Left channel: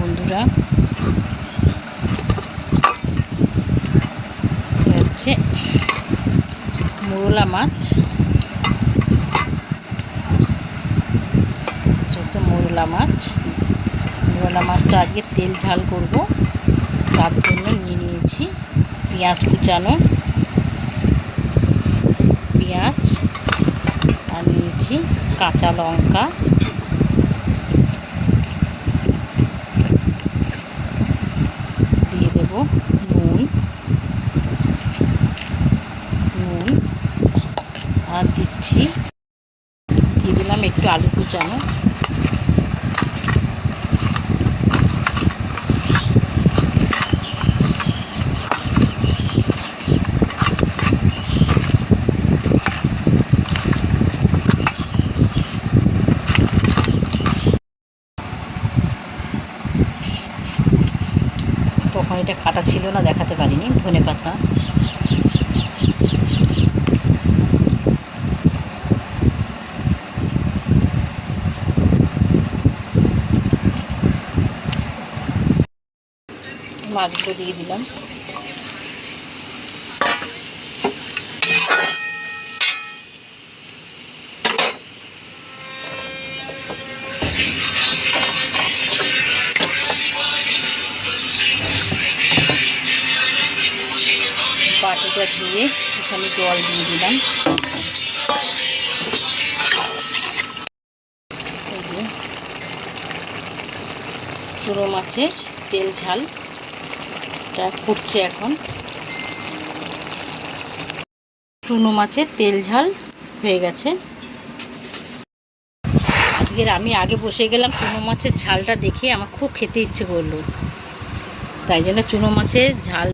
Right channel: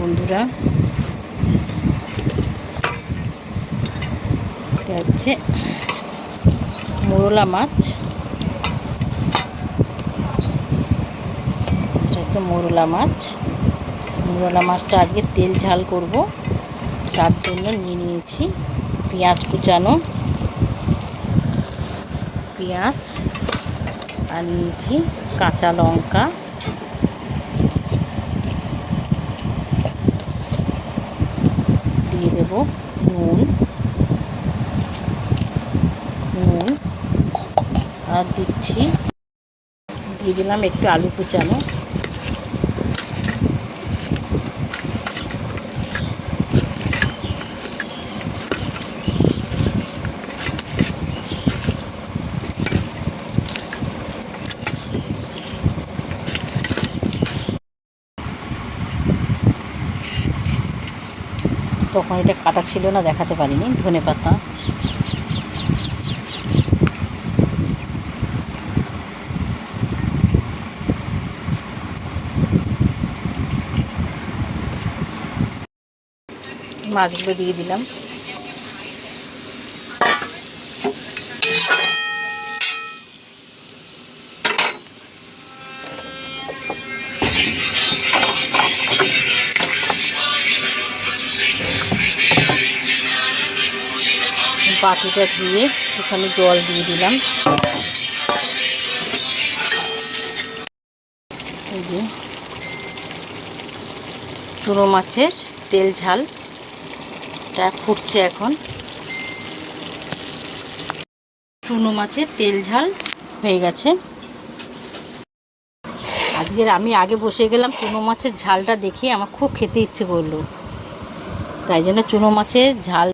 বন্ধুরা, এটা হচ্ছে মোরলা মাছ। মোরলা মাছটা আজকে তেল ঝাল করব, তার জন্য নিয়ে নিয়েছি পেঁয়াজ কুচানো, পেঁয়াজ আর নিয়েছি কাঁচা লঙ্কা, দিয়ে দেব নুন আর দিয়ে দিলাম একটু আলু কুচানো। তখন এটা কাটা ছিল না, দেখাতে পারিনি। ধনেপাতা, মাছগুলো দিয়ে দিলাম। বাটিটা ধুয়ে ওখানে জল দিয়ে দিলাম। এই যে চুনো মাছের তেল ঝালটা ফুটছে এখন। চুনো মাছের তেল ঝাল হয়ে গেছে। আজকের আমি আগে বসে গেলাম, চুনো মাছের ঝালটা দেখে আমার খুব খেতে ইচ্ছে করলো, তাই জন্য চুনো মাছের ঝাল